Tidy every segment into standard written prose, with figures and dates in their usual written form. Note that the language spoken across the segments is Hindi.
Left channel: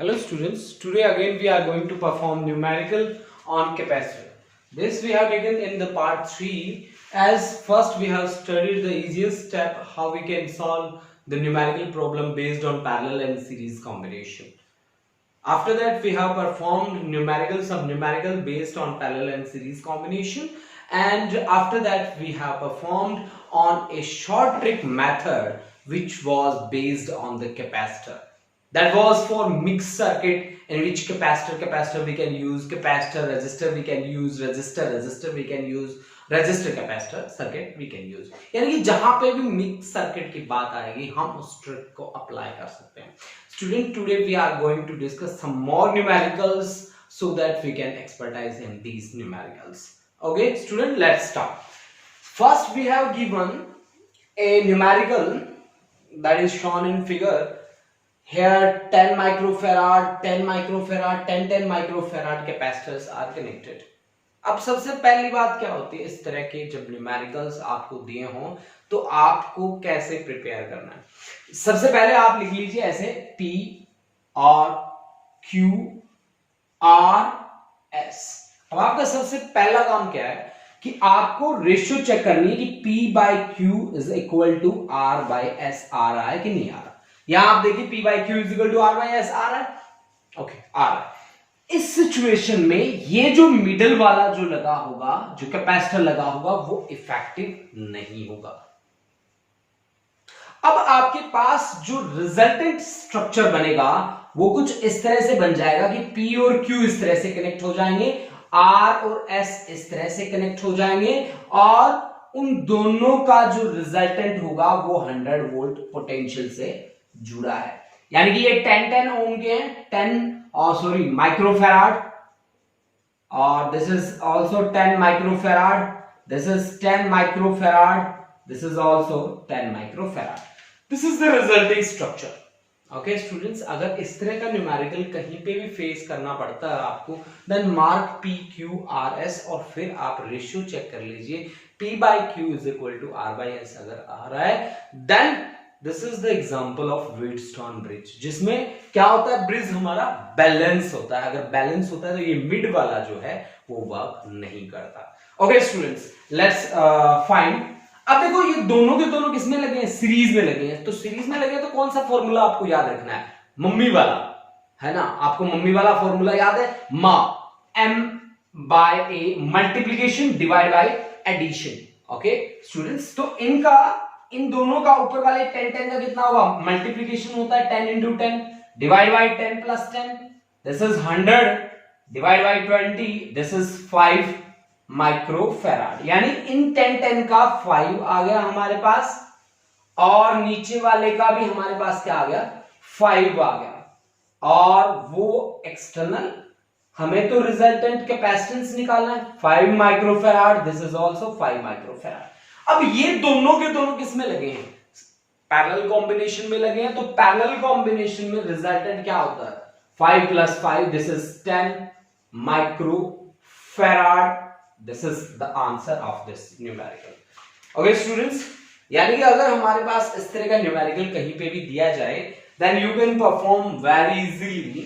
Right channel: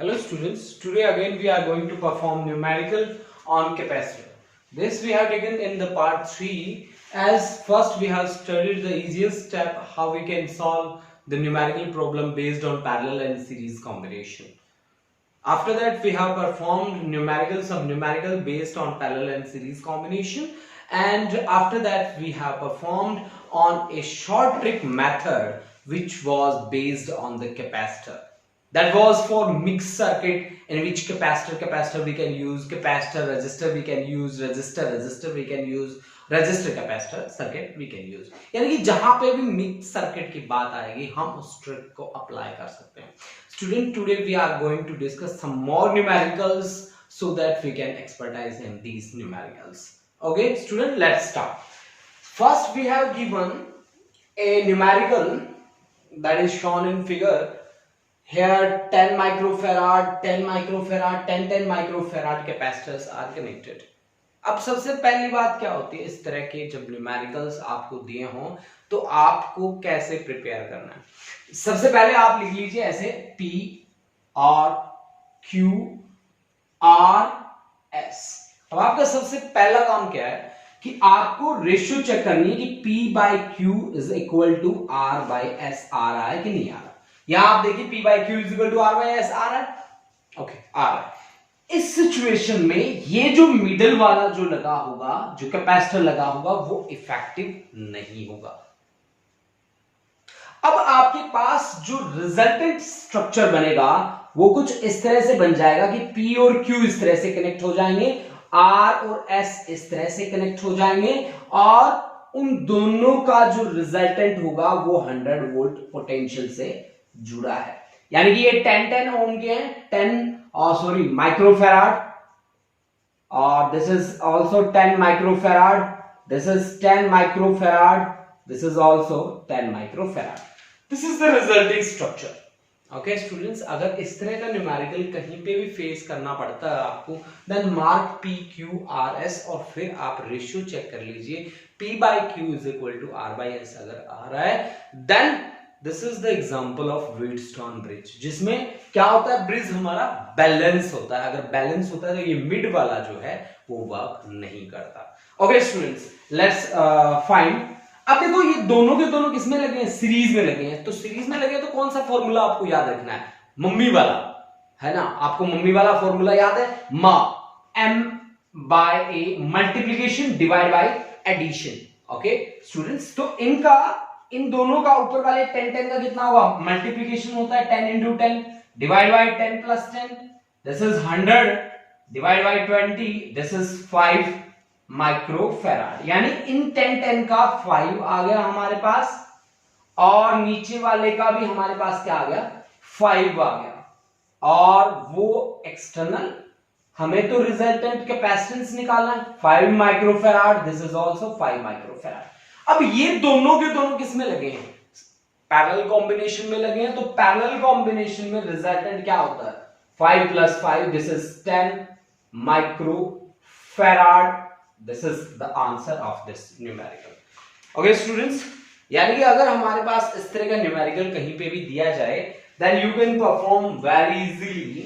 Hello students, today again we are going to perform numerical on capacitor. This we have taken in the part 3 as first we have studied the easiest step how we can solve the numerical problem based on parallel and series combination. After that we have performed some numerical based on parallel and series combination, and after that we have performed on a short trick method which was based on the capacitor. That was for mixed circuit in which capacitor we can use, capacitor resistor we can use, resistor we can use, resistor capacitor circuit we can use. यानी कि जहां पे भी मिक्स सर्किट की बात आएगी हम उस ट्रिक को अप्लाई कर सकते हैं. Student, today we are going to discuss some more numericals so that we can expertise in these numericals. Okay student, let's start. First we have given a numerical that is shown in figure. Here 10 microfarad, 10 microfarad, 10 microfarad capacitors are connected. अब सबसे पहली बात क्या होती है, इस तरह के जब न्यूमेरिकल्स आपको दिए हों तो आपको कैसे प्रिपेयर करना है. सबसे पहले आप लिख लीजिए ऐसे P और Q R S. अब आपका सबसे पहला काम क्या है कि आपको रेशियो चेक करनी है कि P by Q is equal to R by S आ रहा है कि नहीं आ रहा. यहां आप देखिए P by Q is equal to R by S आ रहा है. ओके, आ रहा है. इस सिचुएशन में ये जो मिडल वाला जो लगा होगा, जो कैपेसिटर लगा होगा, वो इफेक्टिव नहीं होगा. अब आपके पास जो रिजल्टेंट स्ट्रक्चर बनेगा वो कुछ इस तरह से बन जाएगा कि P और Q इस तरह से कनेक्ट हो जाएंगे, R और S इस तरह से कनेक्ट हो जाएंगे, और उन दोनों का जो रिजल्टेंट होगा वो 100 वोल्ट पोटेंशियल से जुड़ा है. यानी कि ये 10 ओम के हैं, माइक्रोफैराड, और this is also 10 microfarad, this is 10 microfarad, this is also 10 microfarad. This is the resulting structure. Okay students, अगर इस तरह का न्यूमेरिकल कहीं पे भी फेस करना पड़ता है आपको, then mark P Q R S और फिर आप रेशियो चेक कर लीजिए. P by Q is equal to R by S अगर आ रहा है, then this is the example of Wheatstone bridge, जिसमें क्या होता है, ब्रिज हमारा बैलेंस होता है. अगर बैलेंस होता है तो ये मिड वाला जो है वो वर्क नहीं करता. Okay students, let's find. अब देखो ये दोनों के दोनों किसमें लगे हैं, सीरीज में लगे हैं. तो सीरीज में लगे तो कौन सा फॉर्मूला आपको याद रखना है, मम्मी वाला है ना. आपको मम्मी वाला फॉर्मूला याद है, मा M by A multiplication divide by addition. Okay students, तो इन दोनों का ऊपर वाले 10 का कितना होगा, मल्टीप्लीकेशन होता है 10 into 10 divide by 10 plus 10. This is 100 divide by 20, this is 5 microfarad. यानी इन 10 का 5 आ गया हमारे पास, और नीचे वाले का भी हमारे पास क्या आ गया, 5 आ गया. और वो एक्सटर्नल, हमें तो रिजल्टेंट कैपेसिटेंस निकालना है, 5 microfarad, this is also 5 microfarad. अब ये दोनों के दोनों किस में लगे हैं, पैरेलल कॉम्बिनेशन में लगे हैं. तो पैरेलल कॉम्बिनेशन में रिजल्टेंट क्या होता है, 5 plus 5, this is 10 microfarad. This is the answer of this numerical. Okay students, यानी कि अगर हमारे पास इस तरह का न्यूमेरिकल कहीं पे भी दिया जाए, then you can perform very easily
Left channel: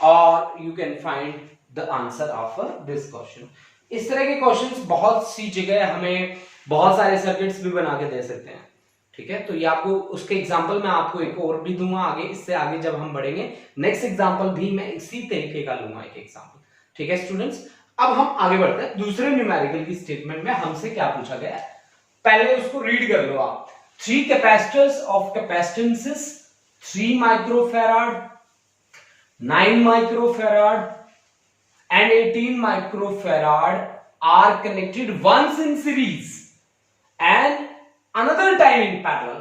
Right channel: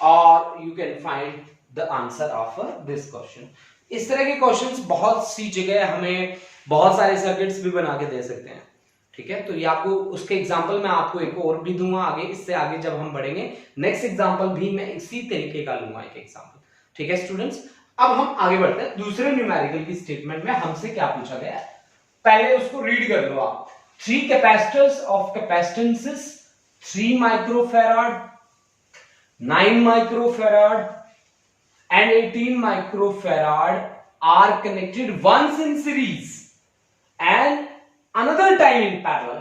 और you can find the answer of this question. इस तरह के क्वेश्चंस बहुत सी जगह हमें बहुत सारे सर्किट्स भी बना के दे सकते हैं. ठीक है, तो ये आपको उसके एग्जांपल मैं आपको एक और भी दूंगा आगे. इससे आगे जब हम बढ़ेंगे नेक्स्ट एग्जांपल भी मैं इसी तरीके का लूंगा, एक एग्जांपल. ठीक है स्टूडेंट्स, अब हम आगे बढ़ते हैं. दूसरे न्यूमेरिकल की स्टेटमेंट में हमसे क्या पूछा गया है, पहले उसको रीड कर लो आप. 3 capacitors of capacitances 3 microfarad, 9 microfarad and 18 microfarad are connected once in series and another time in parallel.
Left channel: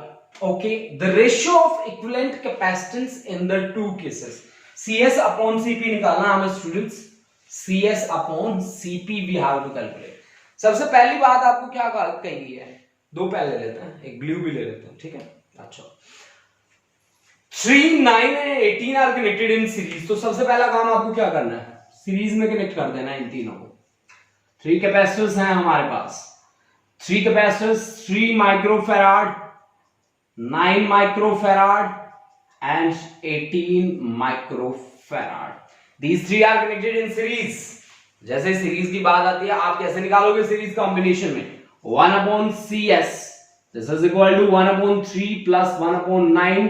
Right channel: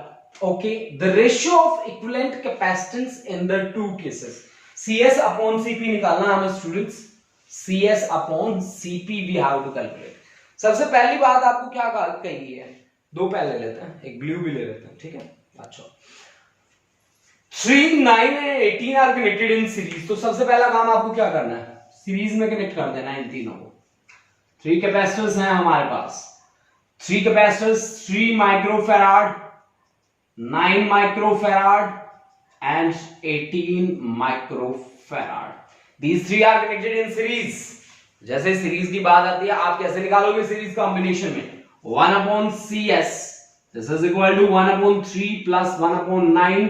Okay, the ratio of equivalent capacitance in the two cases. CS upon CP निकालना हमें students, CS upon CP we have to calculate. सबसे पहली बात आपको क्या कही है, दो पहले लेते हैं, एक ब्लू भी ले लेते हैं. ठीक है, अच्छा 3, 9 and 18 are connected in series. तो सबसे पहला काम आपको क्या करना है, सीरीज में कनेक्ट कर देना इन तीनों को. 3 कैपेसिटर्स हैं हमारे पास, 3 capacitors 3 microfarad, 9 microfarad and 18 microfarad. These three are connected in series. जैसे सीरीज की बात आती है आप कैसे निकालोगे सीरीज कॉम्बिनेशन में 1/cs this is equal to 1/3 plus 1/9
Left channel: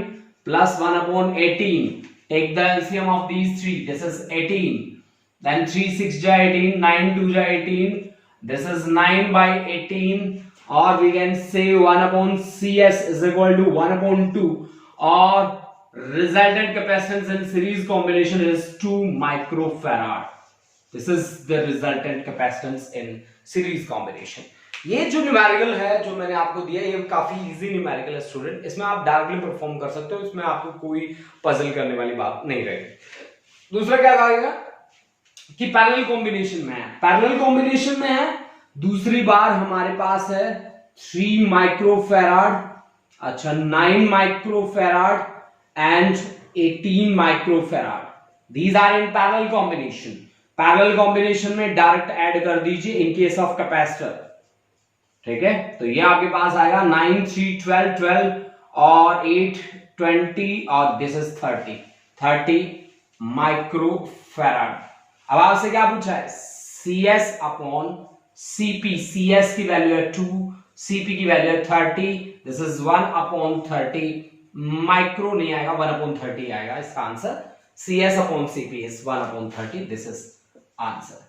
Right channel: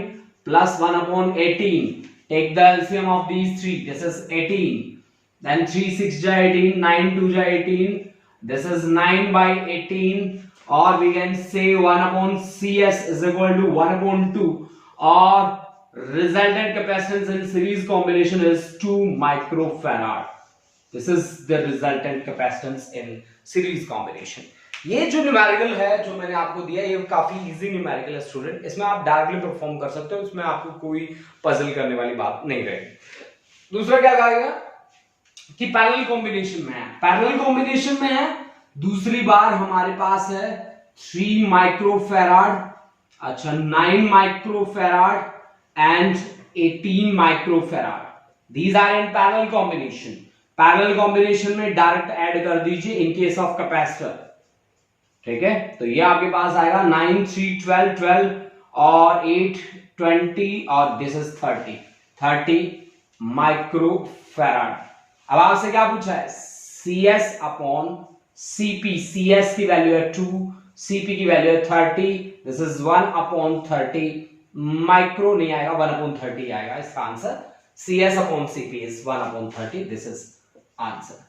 plus 1/18. Take the LCM of these three. This is 18. Then 3 6 ja 18, 9 2 ja 18. This is 9/18, or we can say 1/cs is equal to 1/2, or resultant capacitance in series combination is 2 microfarad. This is the resultant capacitance in series combination. ये जो न्यूमेरिकल है जो मैंने आपको दिया ये काफी इजी न्यूमेरिकल है स्टूडेंट, इसमें आप डायरेक्टली परफॉर्म कर सकते हो, इसमें आपको कोई पजल करने वाली बात नहीं रहेगी। दूसरा क्या कहेगा कि पैरेलल कॉम्बिनेशन में है, पैरेलल कॉम्बिनेशन में है, दूसरी बार हमारे पास है 3 माइक्रोफैराड, अच्छा 9 microfarad and 18 microfarad. These are in parallel combination. Parallel combination में डायरेक्ट ऐड कर दीजिए इन केस ऑफ कैपेसिटर, ठीक है। तो ये आपके पास आएगा 9 3 12 12 और 8 20 और दिस इज 30 माइक्रोफैराड। अब आपसे क्या पूछा है CS अपॉन CP, CS की वैल्यू है 2, CP की वैल्यू है 30, दिस इज 1/30 माइक्रो नहीं आएगा 1/30 आएगा इसका answer. CS upon CP is 1/30, this is answer,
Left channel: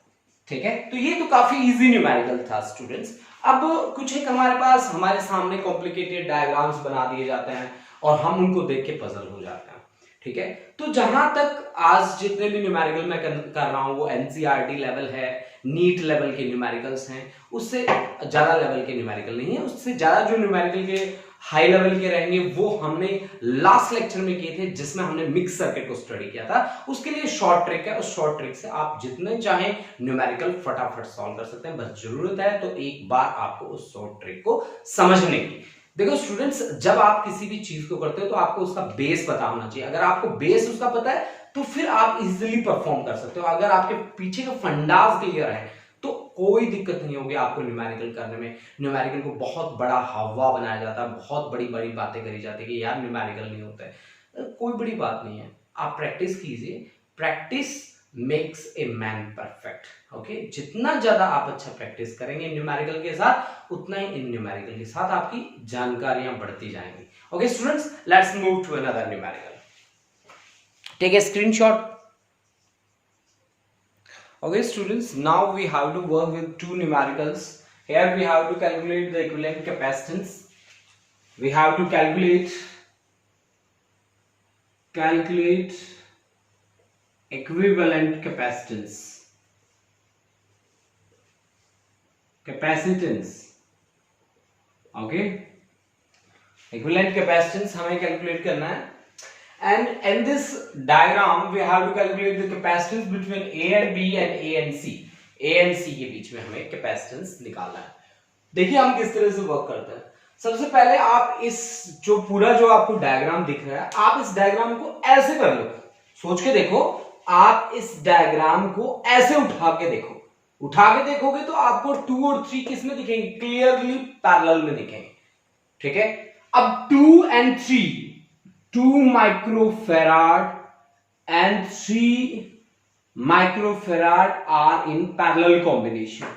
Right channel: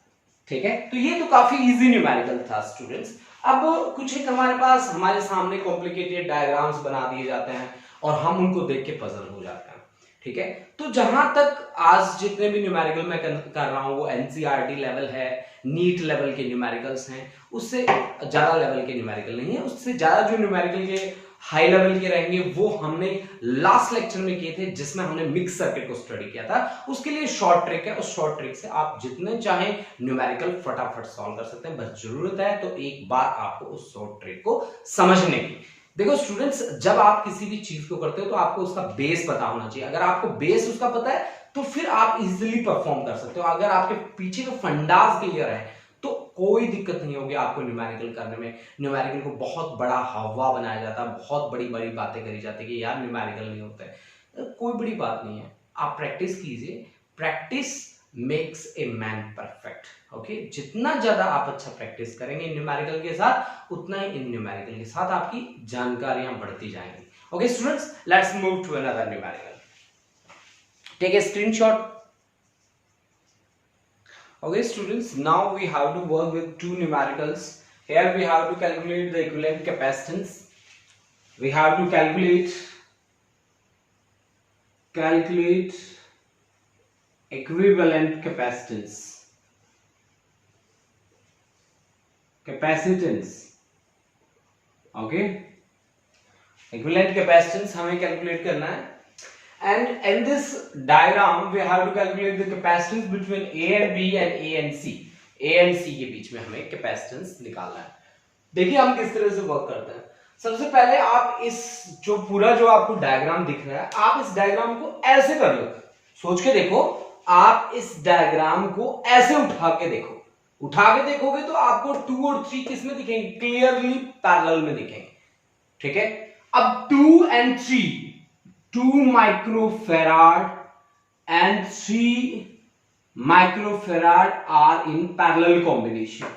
ठीक है। तो ये तो काफी इजी न्यूमेरिकल था स्टूडेंट्स। अब कुछ एक हमारे पास हमारे सामने कॉम्प्लिकेटेड डायग्राम्स बना दिए जाते हैं और हम उनको देख के पजल हो जाते हैं, ठीक है। तो जहां तक आज जितने भी न्यूमेरिकल मैं कर रहा हूं वो एनसीईआरटी लेवल है, नीट लेवल के न्यूमेरिकल्स हैं, उससे ज्यादा लेवल के न्यूमेरिकल नहीं है। उससे ज्यादा जो न्यूमेरिकल के हाई लेवल के रहेंगे वो हमने लास्ट लेक्चर में किए थे जिसमें हमने मिक्स सर्किट को स्टडी किया था। उसके लिए शॉर्ट ट्रिक है, उस शॉर्ट ट्रिक से आप जितने चाहें न्यूमेरिकल फटाफट सॉल्व कर सकते हैं, बस जरूरत है तो एक बार आपको उस शॉर्ट ट्रिक को समझने की। देखो स्टूडेंट्स, जब आप किसी भी चीज को करते हो तो आपको उसका बेस पता होना चाहिए। अगर आपको बेस उसका पता है तो फिर आप इजीली परफॉर्म कर सकते हो। अगर आपके पीछे के फंडास क्लियर है तो कोई दिक्कत नहीं होगी आपको न्यूमेरिकल करने में। न्यूमेरिकल को बहुत बड़ा हवा बनाया जाता है, बहुत बड़ी बड़ी बातें करी जाती है कि यार न्यूमेरिकल नहीं होता है, कोई बड़ी बात नहीं है। आप प्रैक्टिस कीजिए, practice makes a man perfect, okay. जितना ज्यादा आप अच्छा प्रैक्टिस करेंगे न्यूमेरिकल के साथ उतना ही इन न्यूमेरिकल के साथ आपकी जानकारियां बढ़ती जाएंगी। Okay students, let's move to another numerical. Take a screenshot. Okay students, now we have to work with two numericals. Here we have to calculate the equivalent capacitance. We have to calculate equivalent capacitance. Okay, equivalent capacitance हमें calculate करना है। And in this diagram we have to calculate the capacitance between A and B and A and C. A and C के बीच में हमें capacitance निकालना है। देखिए हम किस तरह से वर्क करते हैं। सबसे पहले आप इस जो पूरा जो आपको डायग्राम दिख रहा है, आप इस डायग्राम को ऐसे कर लो, सोच के देखो। आप इस डायग्राम को ऐसे उठा के देखो, उठा के देखोगे तो आपको 2 और 3 किस में दिखेंगे? क्लियरली पैरेलल में दिखेंगे, ठीक है। अब 2 and 3, 2 microfarad and 3 microfarad are in parallel combination.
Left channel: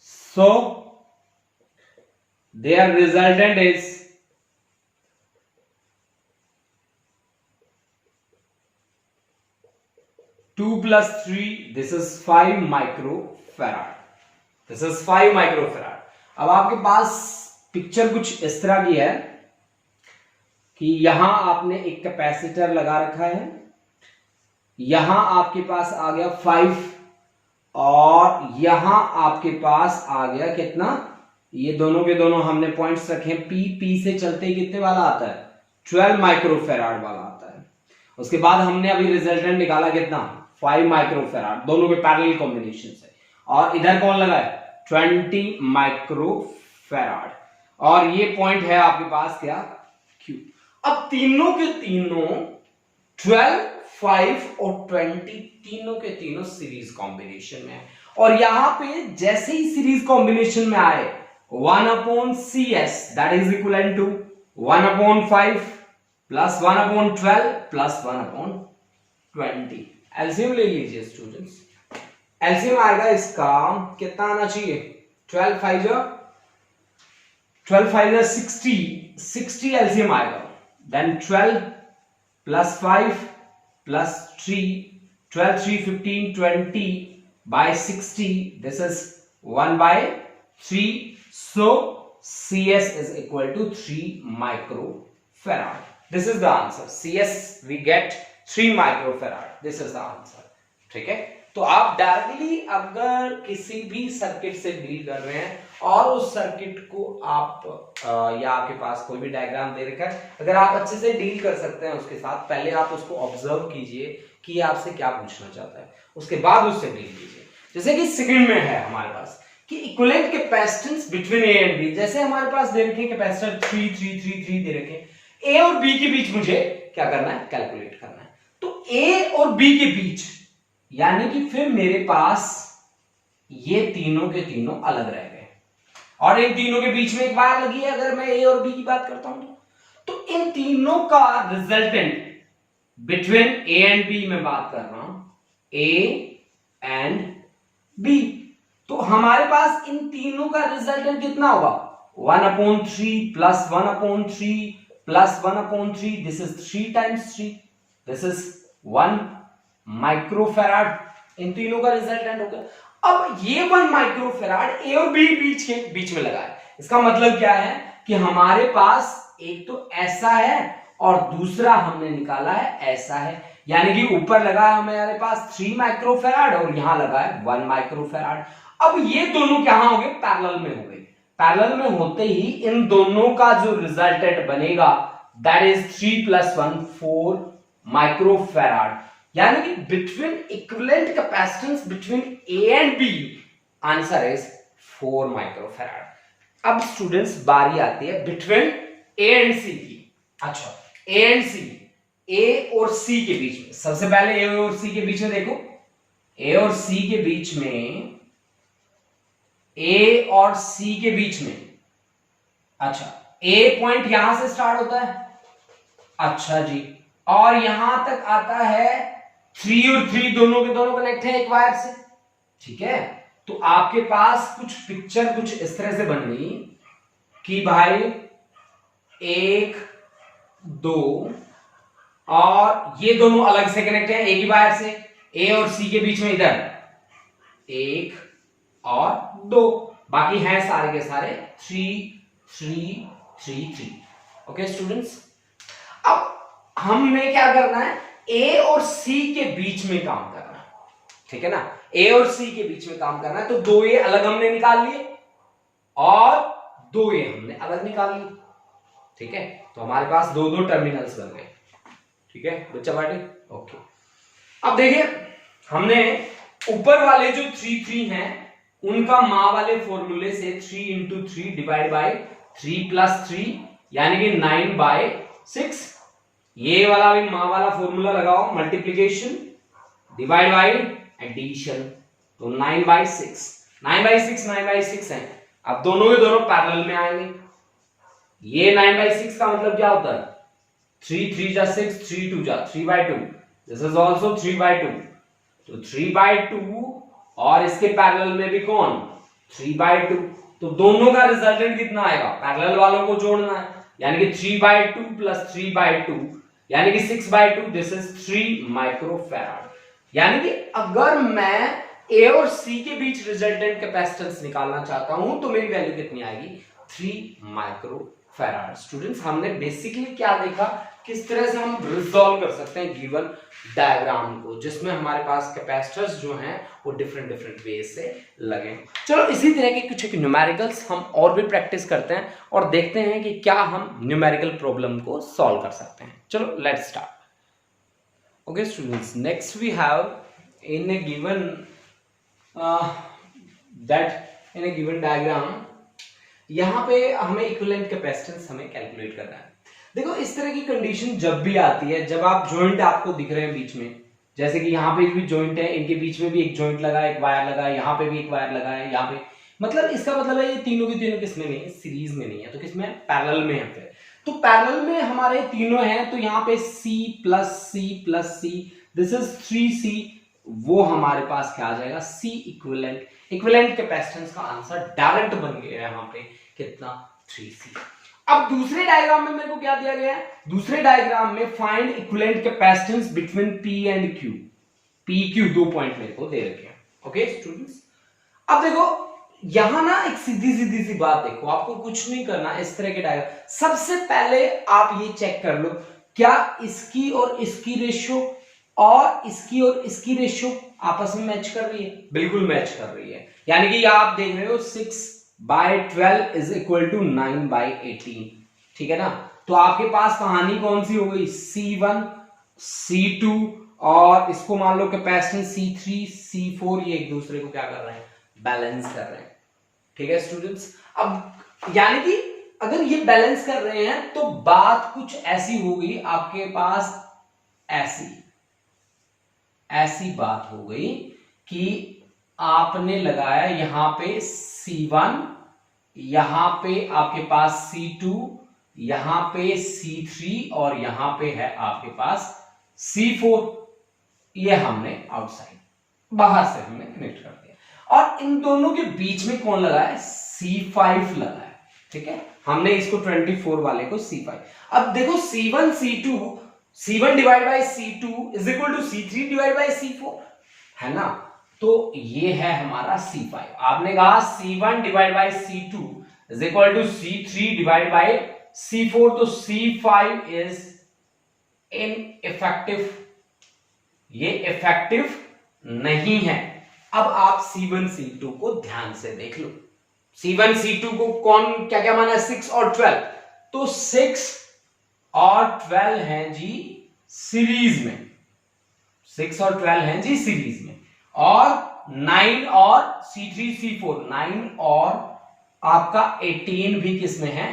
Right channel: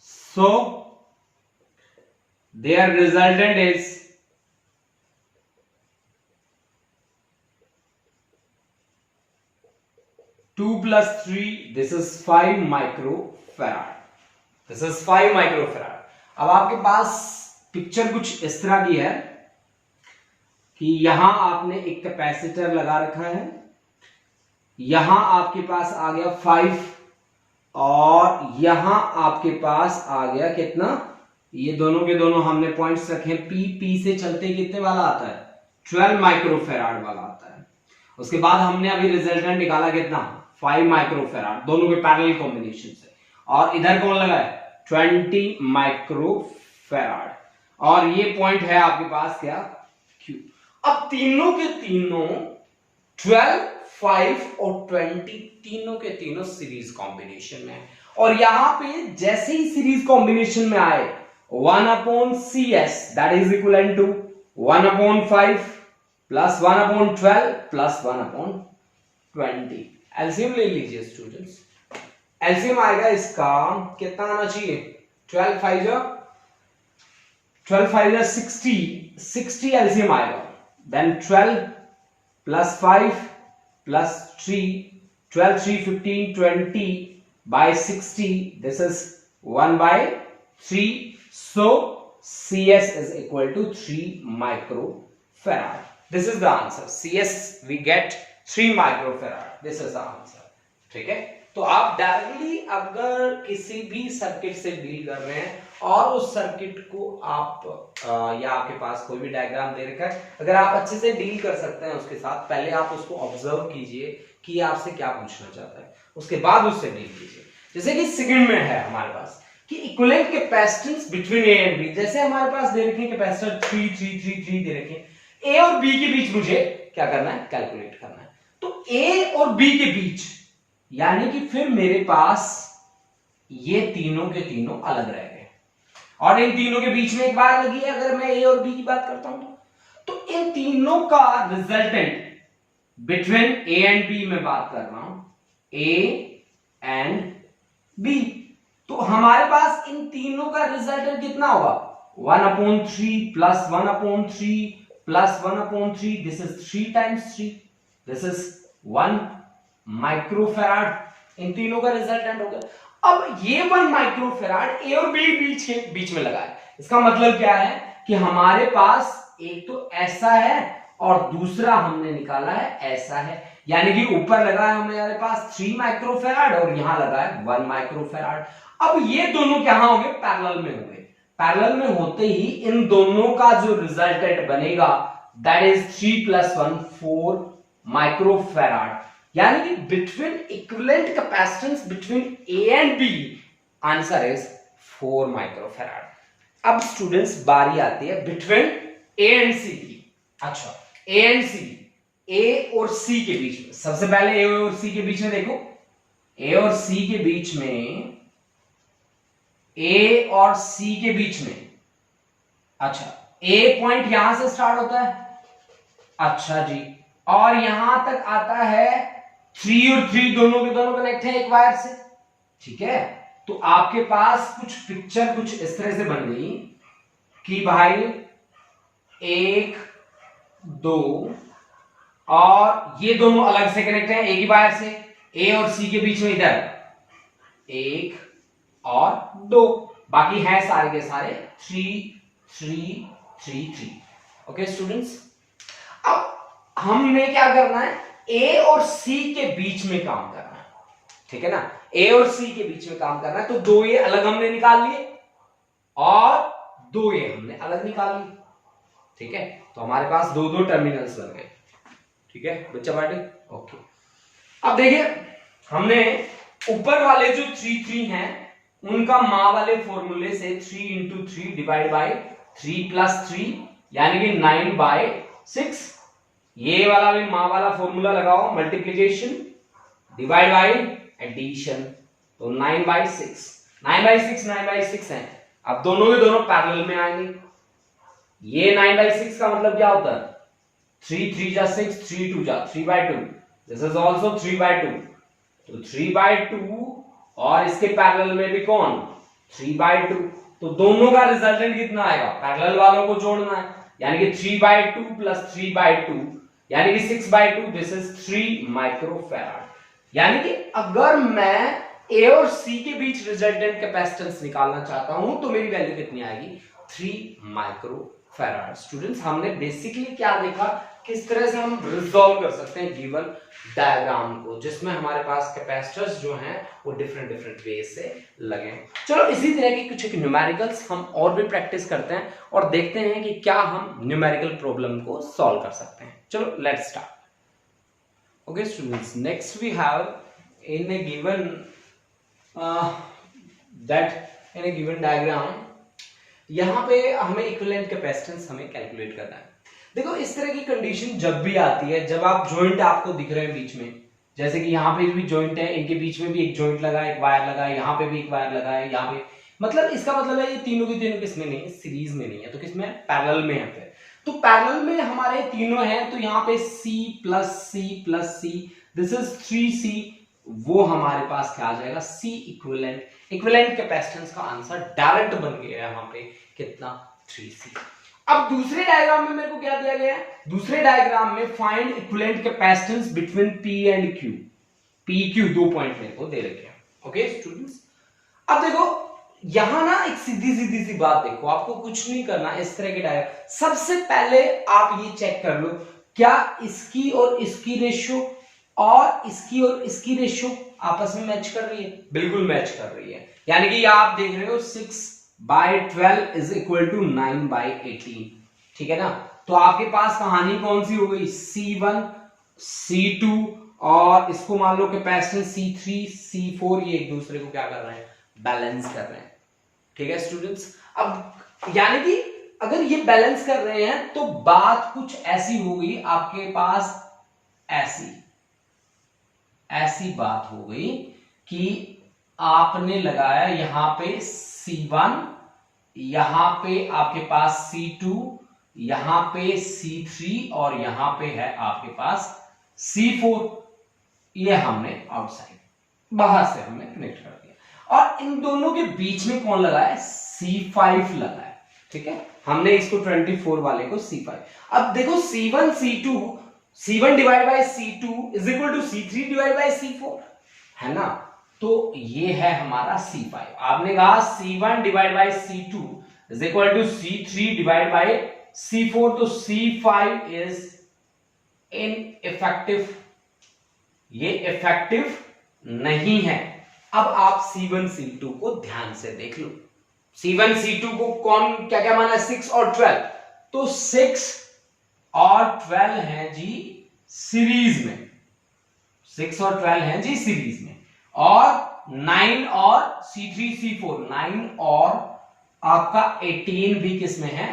So their resultant is 2 plus 3, this is 5 microfarad. This is 5 microfarad. अब आपके पास पिक्चर कुछ इस तरह की है कि यहां आपने एक कैपेसिटर लगा रखा है, यहां आपके पास आ गया 5 और यहां आपके पास आ गया कितना? ये दोनों के दोनों हमने पॉइंट्स रखे। पी से चलते कितने वाला आता है? 12 माइक्रोफैराड वाला आता है। उसके बाद हमने अभी रिजल्टेंट निकाला कितना? 5 माइक्रोफैराड, दोनों के पैरेलल कॉम्बिनेशन से। और इधर कौन लगा है? 20 माइक्रोफैराड। और ये पॉइंट है आपके पास क्या? Q। अब तीनों के तीनों 12, 5 और 20 तीनों के तीनों सीरीज कॉम्बिनेशन में है। और यहां पे जैसे ही सीरीज कॉम्बिनेशन में आए 1/CS that is equal to 1/5 plus 1/12 plus 1/20। LCM ले लीजिए स्टूडेंट्स। एलसीएम आएगा इसका कितना आना चाहिए, 12 5 60 एलसीएम आएगा। Then 12 plus 5 plus 3 12 3 15 20 by 60 this is 1/3, so CS is equal to 3 microfarad. This is the answer. CS we get 3 microfarad. This is the answer. ठीक है, तो आप डायरेक्टली अगर किसी भी सर्किट से डील कर रहे हैं और उस सर्किट को आप या आपके पास कोई भी डायग्राम दे रखा है, अगर आप अच्छे से डील कर सकते हैं उसके साथ, पहले आप उसको ऑब्जर्व कीजिए कि आपसे क्या पूछना चाहता है, उसके बाद उससे डील कीजिए। जैसे कि सेकंड में है हमारे पास कि equivalent capacitance between A and B, जैसे हमारे पास दे रखे कैपेसिटर 3 3 3 3 दे रखे, ए और बी के बीच मुझे क्या करना है, कैलकुलेट करना है। तो ए और बी के बीच यानी कि फिर मेरे पास ये तीनों के तीनों अलग रह गए और इन तीनों के बीच में एक वायर लगी है। अगर मैं ए और बी की बात करता हूं तो इन तीनों का resultant between A and B में बात कर रहा हूं, ए एंड बी, तो हमारे पास इन तीनों का रिजल्टेंट कितना होगा, 1/3 plus 1/3 plus 1/3, this is 3 times 3, this is 1 microfarad, इन तीनों का रिजल्टेंट हो गया। अब ये 1 माइक्रोफैराड ए और बी बीच में लगा है, इसका मतलब क्या है कि हमारे पास एक तो ऐसा है और दूसरा हमने निकाला है ऐसा है, यानी कि ऊपर लगा है हमारे पास 3 माइक्रोफैराड और यहां लगा है 1 माइक्रोफैराड। अब ये दोनों क्या हो गए, पैरेलल में हो गए। पैरेलल में होते ही इन दोनों का जो रिजल्टेंट बनेगा दैट इज 3 + 1 4 माइक्रोफैराड, यानी कि between equivalent capacitance between A and B answer is 4 microfarad. अब स्टूडेंट्स बारी आती है बिटवीन ए एंड सी की। अच्छा, ए एंड सी, ए और सी के बीच में, सबसे पहले ए और सी के बीच में देखो, ए और सी के बीच में, ए और सी के बीच में, अच्छा ए पॉइंट यहां से स्टार्ट होता है, अच्छा जी, और यहां तक आता है 3 और 3 दोनों के दोनों कनेक्ट है एक वायर से, ठीक है। तो आपके पास कुछ पिक्चर कुछ इस तरह से बन गई कि भाई 1 2 और ये दोनों अलग से कनेक्ट है एक ही वायर से, ए और सी के बीच में इधर 1 और 2, बाकी हैं सारे के सारे 3 3 3 3। ओके स्टूडेंट्स, अब हमने क्या करना है, ए और सी के बीच में काम करना है, ठीक है ना, ए और सी के बीच में काम करना है। तो 2 ए अलग हमने निकाल लिए और 2 ए हमने अलग निकाल लिए, ठीक है। तो हमारे पास 2 टर्मिनल्स बन गए, ठीक है बच्चा पार्टी। ओके, अब देखिए हमने ऊपर वाले जो 3 3 हैं उनका माँ वाले फॉर्मूले से 3 × 3 डिवाइड बाय 3 + 3 यानी कि 9/6, ये वाला भी माँ वाला फॉर्मूला लगाओ, मल्टीप्लीकेशन डिवाइड बाय एडिशन, तो 9/6 9/6 है। अब दोनों के दोनों पैरेलल में आएंगे, ये 9/6 का मतलब क्या होता है, 3 3 = 6 3 2 = 3/2, दिस इज आल्सो 3/2, तो 3/2 और इसके पैरेलल में भी कौन 3/2, तो दोनों का रिजल्टेंट कितना आएगा, पैरेलल वालों को जोड़ना है, यानी कि 3/2 + 3/2 यानी कि 6/2, दिस इज 3 माइक्रोफैराड। यानी कि अगर मैं ए और सी के बीच रिजल्टेंट कैपेसिटेंस निकालना चाहता हूं तो मेरी वैल्यू कितनी आएगी, 3 माइक्रोफैराड। स्टूडेंट्स हमने बेसिकली क्या देखा, किस तरह से हम रिजॉल्व कर सकते हैं गिवन डायग्राम को जिसमें हमारे पास कैपेसिटर्स जो हैं वो डिफरेंट वे से लगे। चलो इसी तरह के कुछ न्यूमेरिकल्स हम और भी प्रैक्टिस करते हैं और देखते हैं कि क्या हम न्यूमेरिकल प्रॉब्लम को सॉल्व कर सकते हैं। चलो let's start. Okay students, next we have in a given diagram, यहां पे हमें इक्विवेलेंट कैपेसिटेंस हमें कैलकुलेट करना है। देखो इस तरह की कंडीशन जब भी आती है, जब आप जॉइंट आपको दिख रहे हैं बीच में, जैसे कि यहाँ पे भी जॉइंट है, इनके बीच में भी एक जॉइंट लगा है, एक वायर लगा है, यहाँ पे भी एक वायर लगा है, यहाँ पे, मतलब इसका मतलब है ये तीनों के तीनों किसमें नहीं है, सीरीज में नहीं है, तो किसमें, पैरेलल में है। फिर तो पैरेलल में हमारे तीनों हैं, तो यहाँ पे C plus C, this is 3C, वो हमारे पास क्या आ जाएगा, C इक्विवेलेंट। इक्विवेलेंट कैपेसिटेंस का आंसर डायरेक्ट बन गया है यहाँ पे कितना, 3C। अब दूसरे डायग्राम में मेरे को क्या दिया गया है, दूसरे डायग्राम में find equivalent capacitance between P and Q। PQ 2 point मेरे को दे रखे हैं। ओके स्टूडेंट्स, अब देखो यहां ना एक सीधी सीधी सी बात देखो, आपको कुछ नहीं करना, इस तरह के डायग्राम सबसे पहले आप ये चेक कर लो, क्या इसकी और इसकी रेशियो और इसकी रेशियो आपस में मैच कर रही है, बिल्कुल मैच कर रही है, यानी कि आप देख रहे हो 6/12 इज इक्वल टू 9/18, ठीक है ना। तो आपके पास कहानी कौन सी हो गई, C1 C2 और इसको मान लो कैपेसिटेंस C3 C4, ये एक दूसरे को क्या कर रहे हैं, बैलेंस कर रहे हैं, ठीक है स्टूडेंट्स। अब यानी कि अगर ये बैलेंस कर रहे हैं तो बात कुछ ऐसी हो गई आपके पास, ऐसी बात हो गई कि आपने लगाया यहां पे C1, यहां पे आपके पास C2, यहां पे C3 और यहां पे है आपके पास C4, ये हमने आउटसाइड बाहर से हमने कनेक्ट कर दिया, और इन दोनों के बीच में कौन लगा है, C5 लगा है, ठीक है। हमने इसको 24 वाले को C5। अब देखो C1 divide by C2 is equal to C3 divide by C4, है ना। तो ये है हमारा C5। आपने कहा C1 divide by C2 is equal to C3 divide by C4, तो C5 इज इनइफेक्टिव, ये इफेक्टिव नहीं है। अब आप C1 C2 को ध्यान से देख लो, C1 C2 को कौन क्या क्या माना, 6 और 12, तो 6 और 12 हैं जी सीरीज में, 6 और 12 हैं जी सीरीज में, और 9 और C3 C4, 9 और आपका 18 भी किसमें है,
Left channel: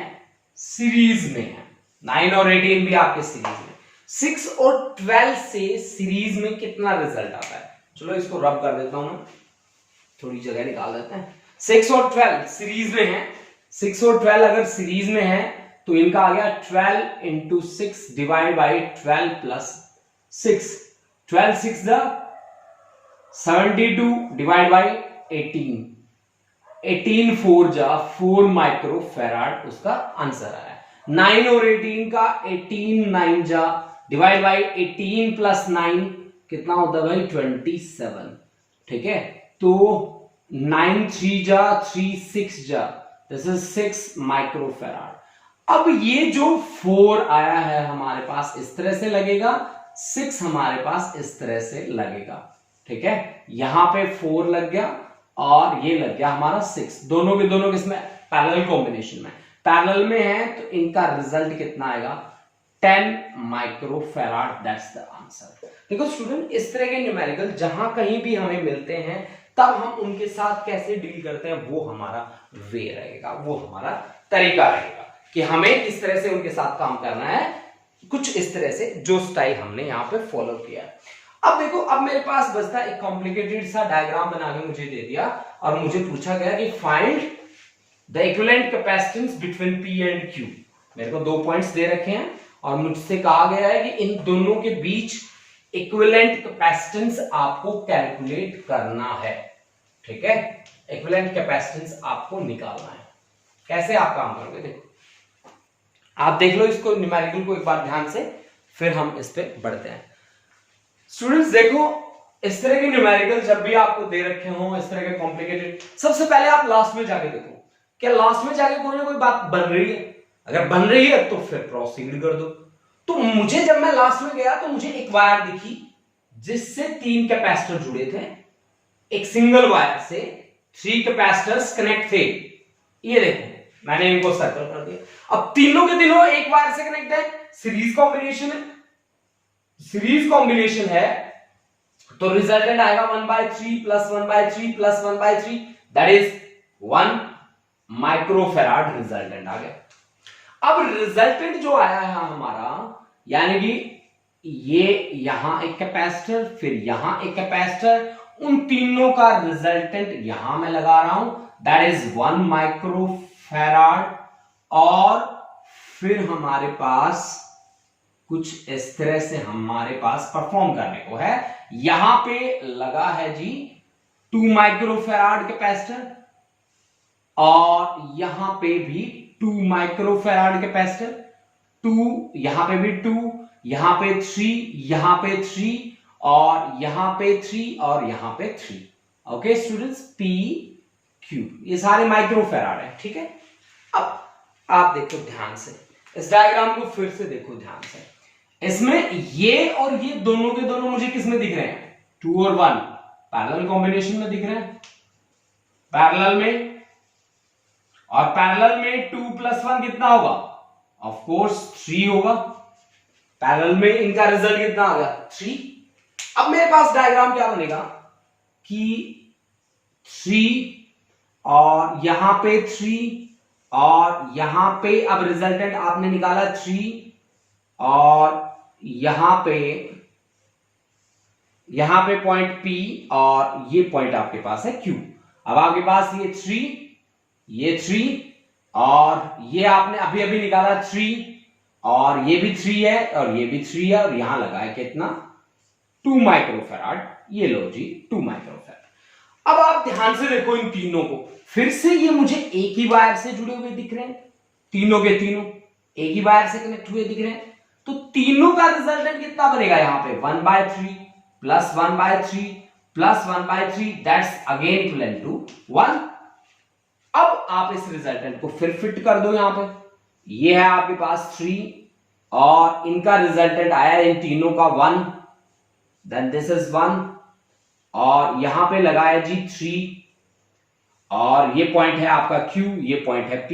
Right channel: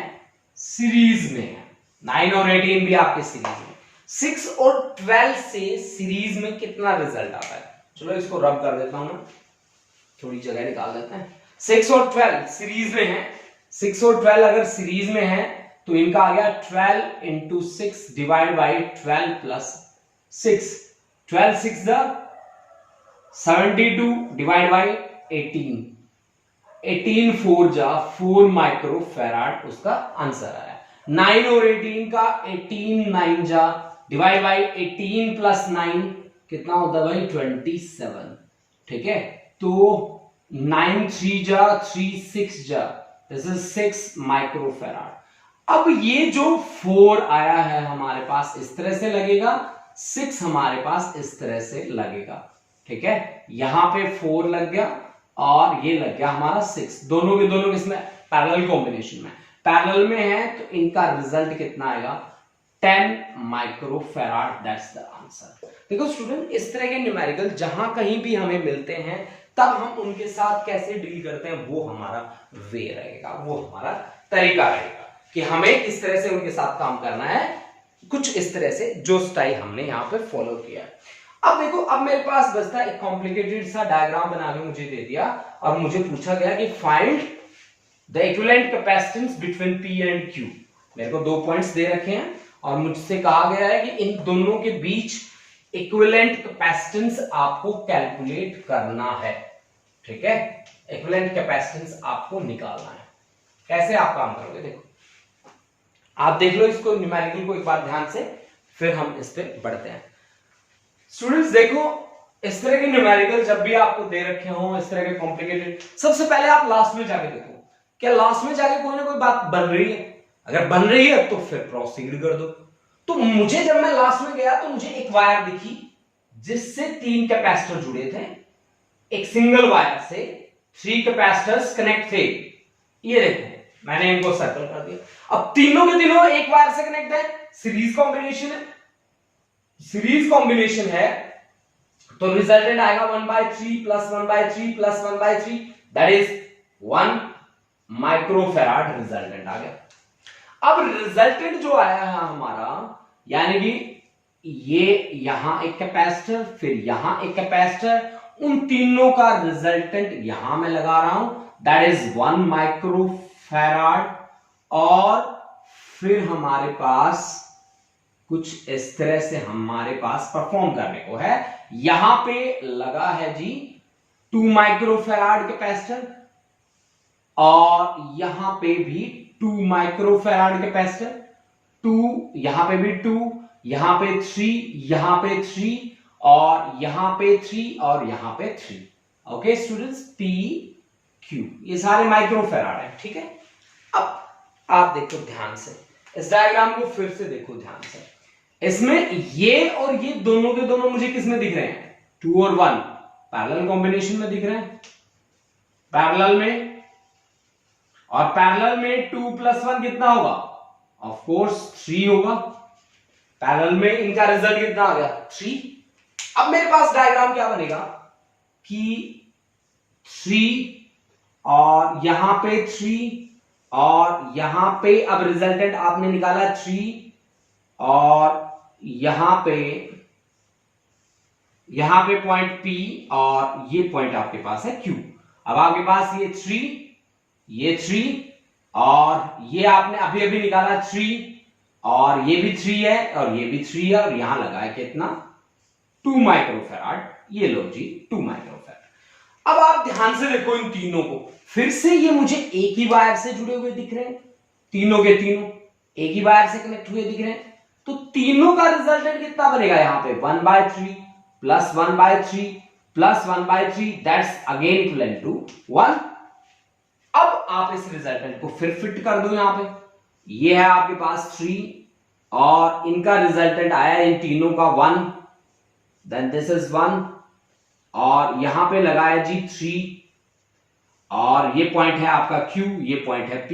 सीरीज में है, 9 और 18 भी आपके सीरीज में। 6 और 12 से सीरीज में कितना रिजल्ट आता है, चलो इसको रब कर देता हूं मैं, थोड़ी जगह निकाल देते हैं। 6 और 12 सीरीज में है, 6 और 12 अगर सीरीज में है तो इनका आ गया 12 into 6 divide by 12 plus 6, 12 6 72 divide by 18, 18 4 जा 4 माइक्रो फैराड उसका आंसर आया। 9 और 18 का 18 9 जा डिवाइड बाई 18 प्लस 9 कितना होता है भाई, 27, ठीक है। तो 9 3 जा 3 6 जा, दिस इज 6 माइक्रो फैराड। अब ये जो 4 आया है हमारे पास इस तरह से लगेगा, 6 हमारे पास इस तरह से लगेगा, ठीक है। यहां पे 4 लग गया और ये लग गया हमारा 6, दोनों के दोनों किसमें, पैरेलल कॉम्बिनेशन में, पैरेलल में है, तो इनका रिजल्ट कितना आएगा, 10 micro farad, that's the answer. देखो स्टूडेंट, इस तरह के न्यूमेरिकल जहां कहीं भी हमें मिलते हैं तब हम उनके साथ कैसे डील करते हैं, वो हमारा वे रहेगा, वो हमारा तरीका रहेगा कि हमें किस तरह से उनके साथ काम करना है, कुछ इस तरह से जो स्टाइल हमने यहाँ पे फॉलो किया। अब देखो, अब मेरे पास बचता एक कॉम्प्लिकेटेड सा डायग्राम बना के मुझे दे दिया और मुझे पूछा गया कि find the equivalent capacitance between P and Q। मेरे को 2 पॉइंट्स दे रखे हैं और मुझसे कहा गया है कि इन दोनों के बीच इक्विवेलेंट कैपेसिटेंस आपको कैलकुलेट करना है, ठीक है। इक्विवेलेंट कैपेसिटेंस आपको निकालना है। कैसे आप काम करोगे, देखो आप देख लो इसको, न्यूमेरिकल को एक बार ध्यान से, फिर हम इस पे बढ़ते हैं। स्टूडेंट्स देखो, इस तरह के न्यूमेरिकल जब भी आपको दे रखे हो, इस तरह के कॉम्प्लिकेटेड, सबसे पहले आप लास्ट में जाके देखो क्या लास्ट में जाके कोई ना कोई बात बन रही है, अगर बन रही है तो फिर प्रोसीड कर दो। तो मुझे जब मैं लास्ट में गया तो मुझे एक वायर दिखी जिससे 3 कैपेसिटर जुड़े थे, एक सिंगल वायर से 3 कैपेसिटर्स कनेक्ट थे, ये देखो मैंने इनको सर्कल कर दिया। अब तीनों के तीनों एक वायर से कनेक्ट है, सीरीज कॉम्बिनेशन है, सीरीज कॉम्बिनेशन है, तो रिजल्टेंट आएगा 1/3 plus 1/3 plus 1/3, that is 1 microfarad resultant आ गया। अब रिजल्टेंट जो आया है हमारा, यानी कि ये यहां एक कैपेसिटर, फिर यहां एक कैपेसिटर, उन तीनों का रिजल्टेंट यहां मैं लगा रहा हूं, दैट इज 1 माइक्रोफैराड। और फिर हमारे पास कुछ इस तरह से हमारे पास परफॉर्म करने को है। यहां पे लगा है जी 2 माइक्रोफैराड कैपेसिटर, और यहां पे भी 2 माइक्रोफैराड कैपेसिटर, 2 यहां पे भी 2, यहां पे 3, यहां पे 3, और यहां पे 3, और यहां पे 3। ओके स्टूडेंट्स, पी क्यू, ये सारे माइक्रोफैराड है, ठीक है। अब आप देखो ध्यान से, इस डायग्राम को फिर से देखो ध्यान से। इसमें ये और ये दोनों के दोनों मुझे किस में दिख रहे हैं, 2 और 1 पैरेलल कॉम्बिनेशन में दिख रहे हैं, पैरेलल में। और पैरेलल में 2 + 1 कितना होगा, ऑफ कोर्स 3 होगा। पैरेलल में इनका रिजल्ट कितना आ गया, 3। अब मेरे पास डायग्राम क्या बनेगा कि 3 और यहां पे 3, और यहां पे अब रिजल्टेंट आपने निकाला 3, और यहां पे पॉइंट P, और ये पॉइंट आपके पास है Q। अब आपके पास ये 3, और ये आपने अभी अभी निकाला 3, और ये भी 3 है, और ये भी 3 है, और यहां लगा है कितना, 2 माइक्रोफैराड। ये लो जी 2 माइक्रोफैराड। अब आप ध्यान से देखो इन तीनों को, फिर से ये मुझे एक ही वायर से जुड़े हुए दिख रहे हैं, तीनों के तीनों एक ही वायर से कनेक्ट हुए दिख रहे हैं। तो तीनों का रिजल्टेंट कितना बनेगा, यहां पे 1/3 + 1/3 + 1/3, दैट्स अगेन इक्वल टू 1। अब आप इस रिजल्टेंट को फिर फिट कर दो यहां पे, ये है आपके पास 3, और इनका रिजल्टेंट आया इन तीनों का 1, देन दिस इज 1, और यहां पे लगाया जी 3, और ये पॉइंट है आपका Q, ये पॉइंट है P,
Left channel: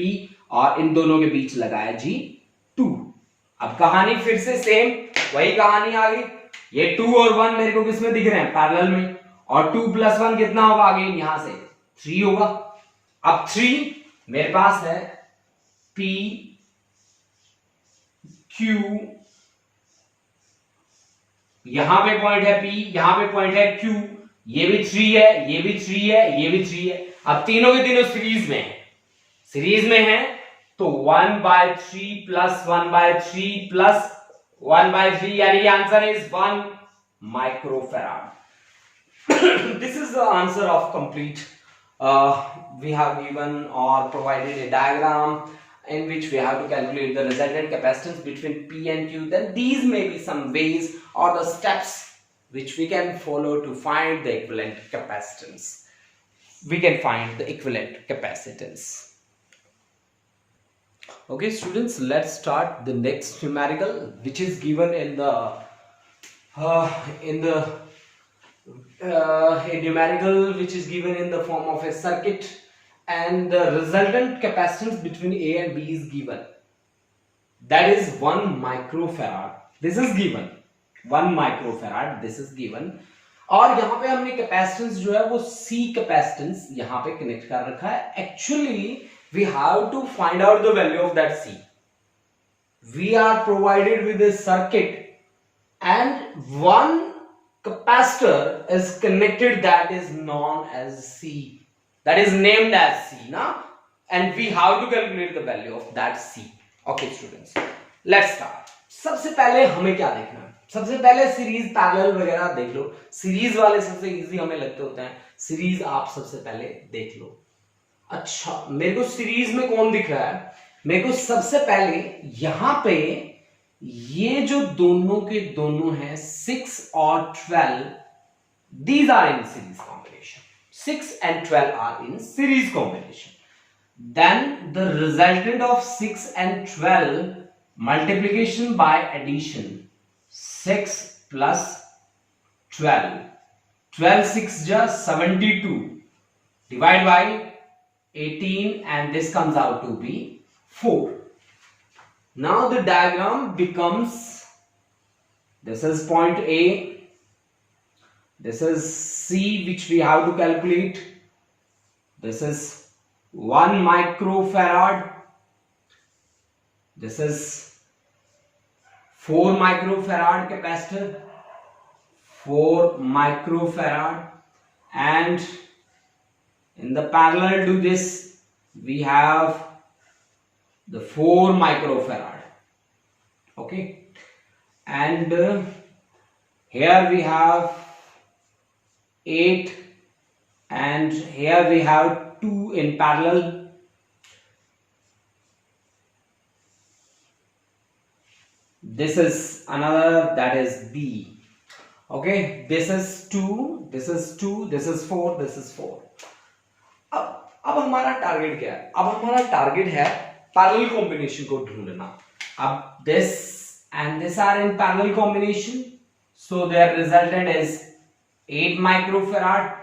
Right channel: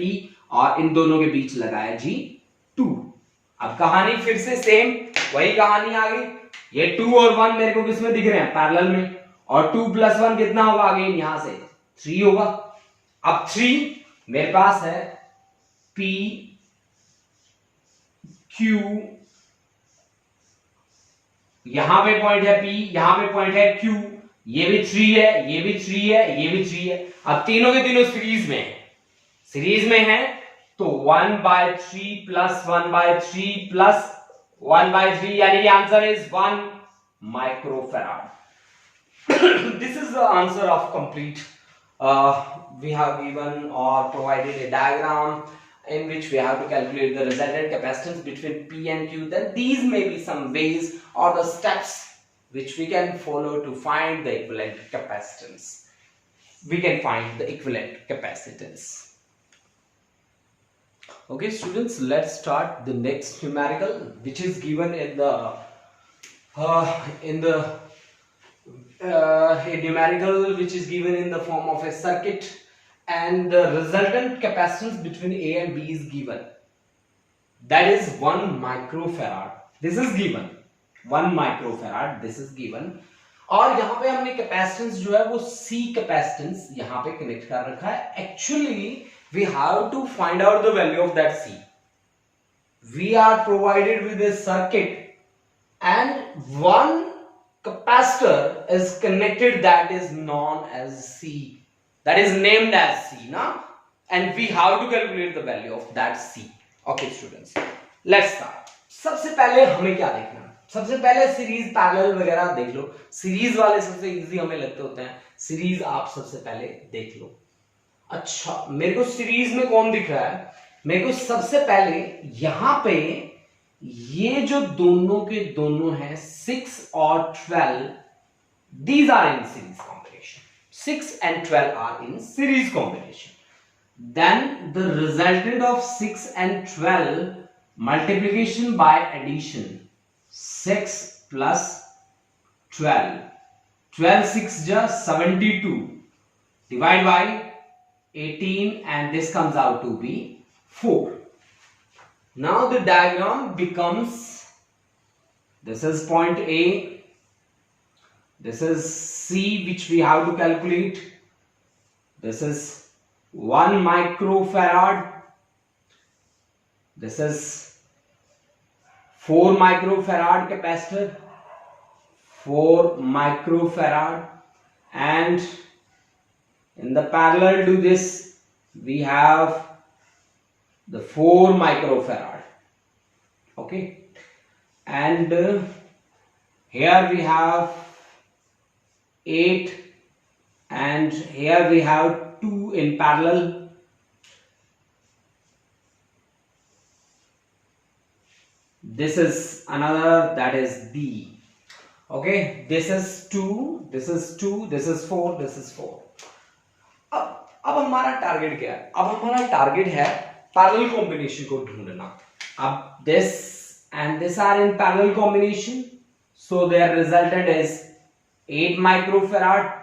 और इन दोनों के बीच लगाया जी 2। अब कहानी फिर से सेम, वही कहानी आ गई। ये 2 और 1 मेरे को किसमें दिख रहे हैं, पैरेलल में, और 2 + 1 कितना होगा, अगेन यहां से 3 होगा। अब 3 मेरे पास है P Q, यहां पे पॉइंट है P, यहां पे पॉइंट है Q, ये भी 3 है, ये भी 3 है, ये भी 3 है। अब तीनों के तीनों सीरीज में है, तो 1/3 + 1/3 + 1/3, यानी कि answer is 1 microfarad. This is the answer of complete. We have given or provided a diagram in which we have to calculate the resultant capacitance between P and Q. Then these may be some ways or the steps which we can follow to find the equivalent capacitance. We can find the equivalent capacitance. Okay students, let's start the next numerical which is given in the a numerical which is given in the form of a circuit, and the resultant capacitance between A and B is given, that is 1 microfarad. This is given 1 microfarad, this is given। और यहां पे हमने कैपेसिटेंस जो है वो C कैपेसिटेंस यहां पे कनेक्ट कर रखा है। Actually we have to find out the value of that C। We are provided with a circuit and one capacitor is connected, that is known as C, that is named as C now, and we have to calculate the value of that C। Okay students, let's start। सबसे पहले हमें क्या देखना है, सबसे पहले सीरीज पैरेलल वगैरह देख लो, सीरीज वाले सबसे इजी हमें लगते होते हैं, सीरीज आप सबसे पहले देख लो। अच्छा मेरे को सीरीज में कौन दिख रहा है, मेरे को सबसे पहले यहां पे ये जो दोनों के दोनों हैं 6 और 12, these are in series combination, 6 and 12 are in series combination, then the resultant of 6 and 12 multiplication by addition, 6 plus 12, 12 6 just 72, divide by 18, and this comes out to be 4। Now the diagram becomes, this is point A, this is C which we have to calculate, this is 1 microfarad, this is 4 microfarad capacitor, 4 microfarad, and in the parallel to this we have the 4 microfarad. Okay, and here we have 8, and here we have 2 in parallel. This is another, that is B. Okay, this is 2, this is 2, this is 4, this is 4. अब हमारा टारगेट क्या है? अब हमारा टारगेट है पैरेलल कॉम्बिनेशन को ढूंढना. अब this and this are in parallel combination, so their resultant is 8 microfarad.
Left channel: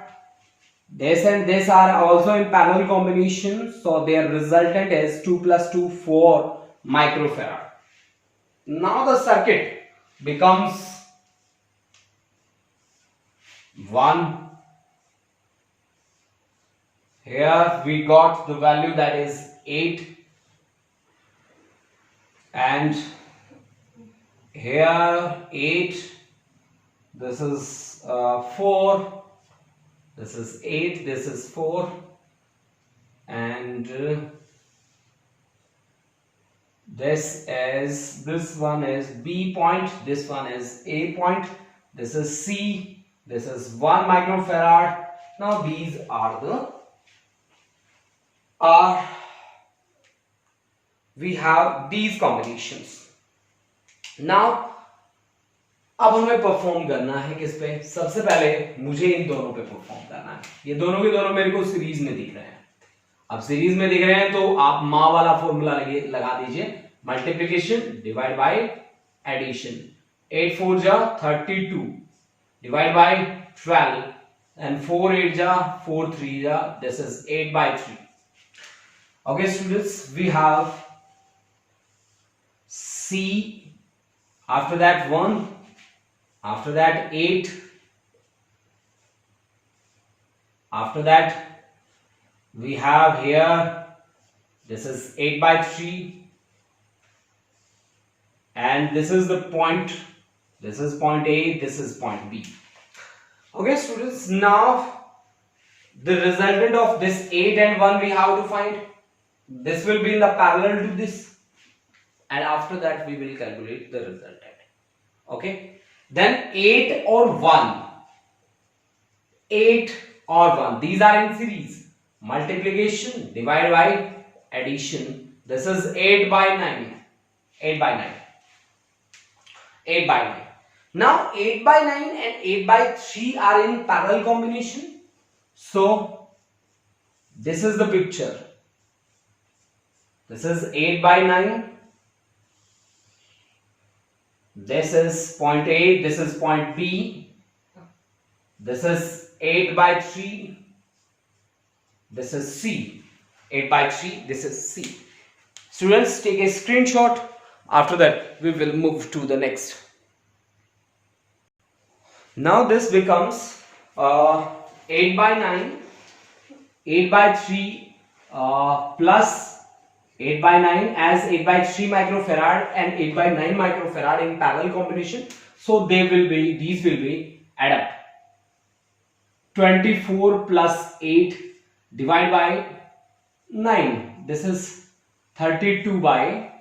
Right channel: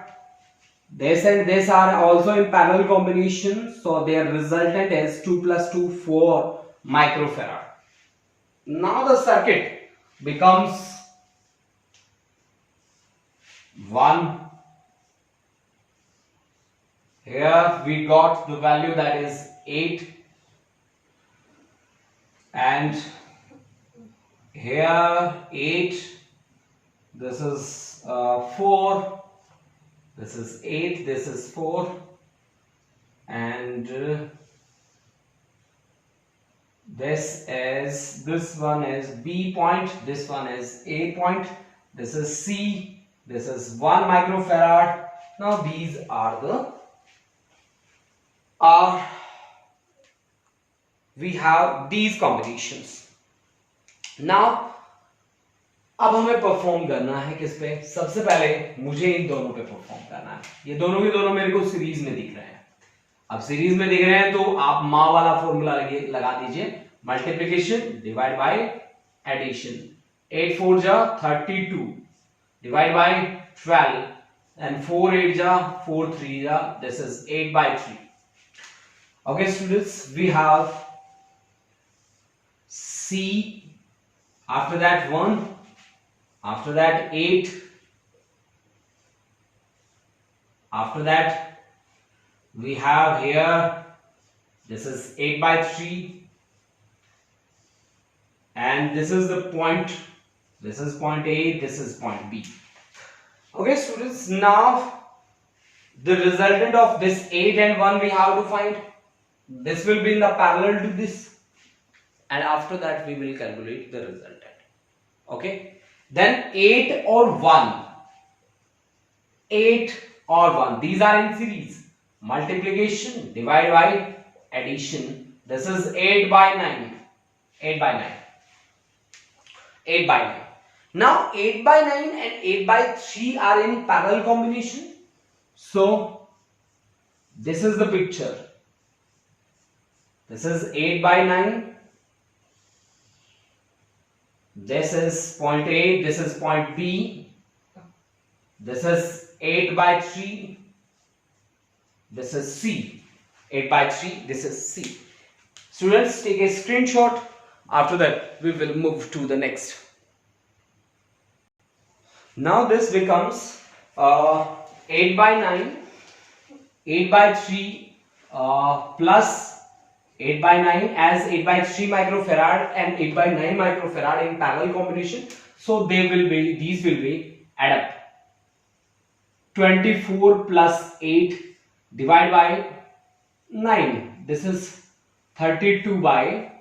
This and this are also in parallel combination, so their resultant is 2 plus 2, 4 microfarad. Now the circuit becomes 1. Here we got the value, that is 8, and here 8, this is 4, this is 8, this is 4, and this one is B point, this one is A point, this is C, this is 1 microfarad. Now these are the we have these combinations. Now अब हमें परफॉर्म करना है किस पे? सबसे पहले मुझे इन दोनों पे परफॉर्म करना है. ये दोनों के दोनों मेरे को सीरीज में दिख रहे हैं. अब सीरीज में दिख रहे हैं तो आप माँ वाला फॉर्मूला लगा दीजिए, मल्टीप्लीकेशन डिवाइड बाय एडिशन. 8 4 जा 32 divide by 12 and 4 8 ja 4 3 ja, this is 8 by 3. Okay students, we have C, after that 1, after that 8, after that we have here, this is 8 by 3, and this is the point, this is point A, this is point B. Okay students, now the resultant of this 8 and 1 we have to find. This will be in the parallel to this, and after that we will calculate the resultant. Okay, then 8 or 1, 8 or 1, these are in series. Multiplication divide by addition. This is 8 by 9, 8 by 9, 8 by 9. Now 8 by 9 and 8 by 3 are in parallel combination. So this is the picture. This is 8 by 9. This is point A, this is point B. This is 8 by 3. This is C. 8 by 3, this is C. Students, take a screenshot. After that, we will move to the next. Now this becomes 8 by 9, 8 by 3 plus 8 by 9 as 8 by 3 microfarad and 8 by 9 microfarad in parallel combination. So they will be, these will be add up. 24 plus 8 divided by 9. This is 32 by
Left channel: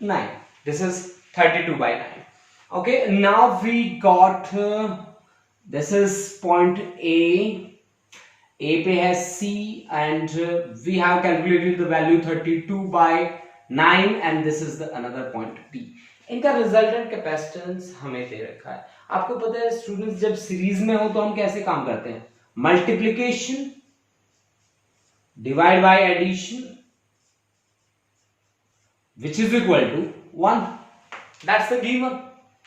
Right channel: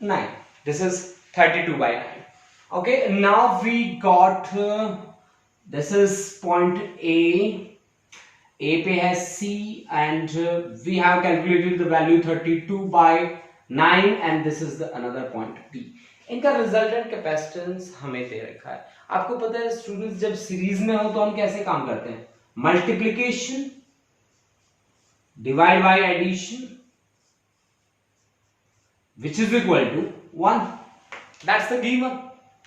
9. This is 32 by 9. Okay, now we got this is point A. A पे है C, and we have calculated the value 32 by 9, and this is the another point B. इनका रिजल्टेंट कैपेसिटेंस हमें दे रखा है. आपको पता है स्टूडेंट्स, जब सीरीज में हो तो हम कैसे काम करते हैं? Multiplication divide by addition which is equal to 1. That's the given